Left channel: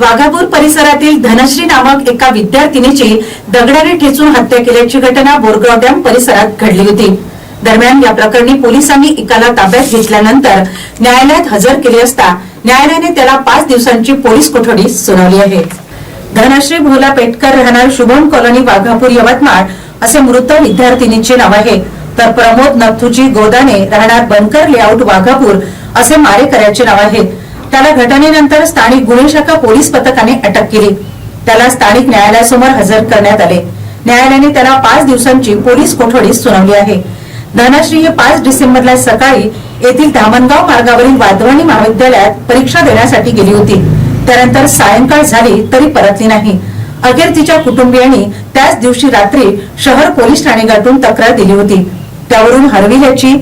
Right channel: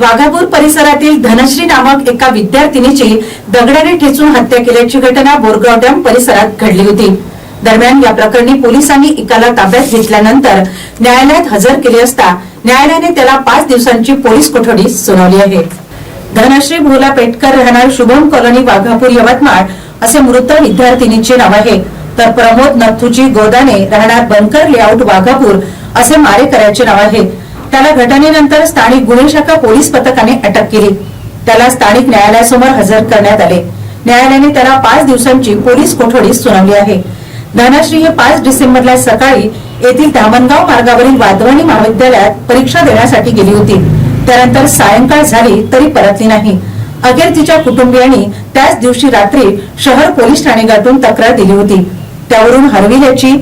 वाघापूर परिसरातील धनश्री नामक एका विद्यार्थिनीची दगडाने ठेचून हत्या केल्याची घटना बोरगाव डॅम परिसरात घडली होती. दरम्यान या प्रकरणी पोलिसांनी एकाला ताब्यात घेतल्यानंतर न्यायालयात हजर केले असता न्यायालयाने त्याला पाच दिवसांची पोलीस कोठडी सुनावली आहे. धनश्री भोला पेटकर राहणार शुभम कॉलनी वाघापूर यवतमाळ असे मृत विद्यार्थिनीचे नाव आहे. तर प्रमोद नथुजी गोदाने राहणार बनकर लेआउट वाघापूर असे मारेकऱ्याचे नाव आहे. त्याला घटनेनंतर स्थानिक गुन्हे शाखा पोलीस पथकाने अटक केली. त्याला स्थानिक न्यायालयासमोर हजर करण्यात आले. न्यायालयाने त्याला पाच दिवसांची पोलीस कोठडी सुनावली आहे. धनाश्री हे पाच डिसेंबरला सकाळी येथील धामणगाव मार्गावरील वाधवणी महाविद्यालयात परीक्षा देण्यासाठी गेली होती. त्यानंतर सायंकाळ झाली तरी परतली नाही. अखेर तिच्या कुटुंबियांनी त्याच दिवशी रात्री शहर पोलीस ठाणे गाठून तक्रार दिली होती. त्यावरून हरविल्याची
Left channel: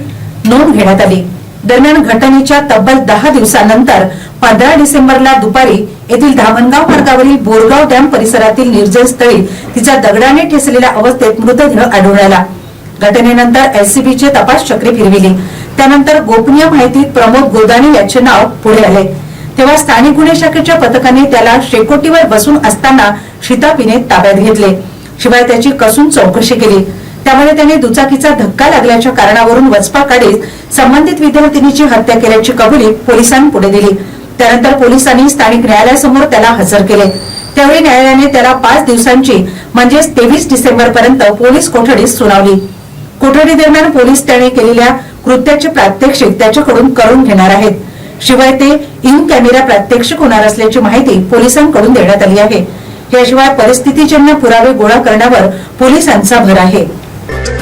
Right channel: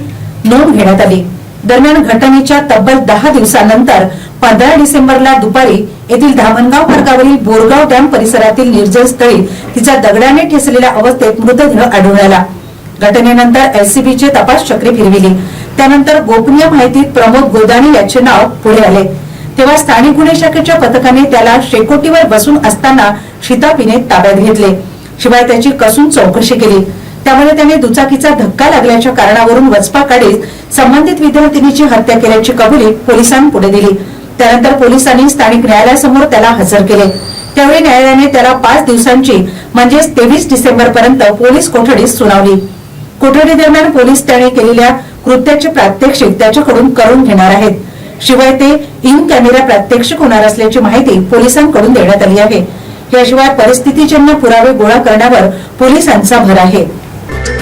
नोंद घेण्यात आली. दरम्यान घटनेच्या तब्बल दहा दिवसानंतर पंधरा डिसेंबरला दुपारी येथील धामणगाव मार्गावरील बोरगाव डॅम परिसरातील निर्जन स्थळी तिचा दगडाने ठेसलेल्या अवस्थेत मृतदेह आढळून आला. घटनेनंतर एलसीबीचे तपास चक्री फिरविली. त्यानंतर गोपनीय माहितीत प्रमोद गोदाणे याचे नाव पुढे आले. तेव्हा स्थानिक गुन्हे शाखेच्या पथकाने त्याला शेकोटीवर बसून असताना शितापीने ताब्यात घेतले. शिवाय त्याची कसून चौकशी केली. त्यामध्ये त्याने दुचाकीचा धक्का लागल्याच्या कारणावरून वचपा काढीत संबंधित विद्यार्थिनीची हत्या केल्याची कबुली पोलिसांपुढे दिली. त्यानंतर पोलिसांनी स्थानिक न्यायालयासमोर त्याला हजर केले. त्यावेळी न्यायालयाने त्याला पाच दिवसांची म्हणजेच तेवीस डिसेंबर पर्यंत पोलीस कोठडी सुनावली. कोठडी दरम्यान पोलीस त्याने केलेल्या कृत्याचे प्रात्यक्षिक त्याच्याकडून करून घेणार आहेत. शिवाय ते इन कॅमेरा प्रात्यक्षिक होणार असल्याची माहिती पोलिसांकडून देण्यात आली आहे. याशिवाय परिस्थितीजन्य पुरावे गोळा करण्यावर पोलिसांचा भर आहे. Bye.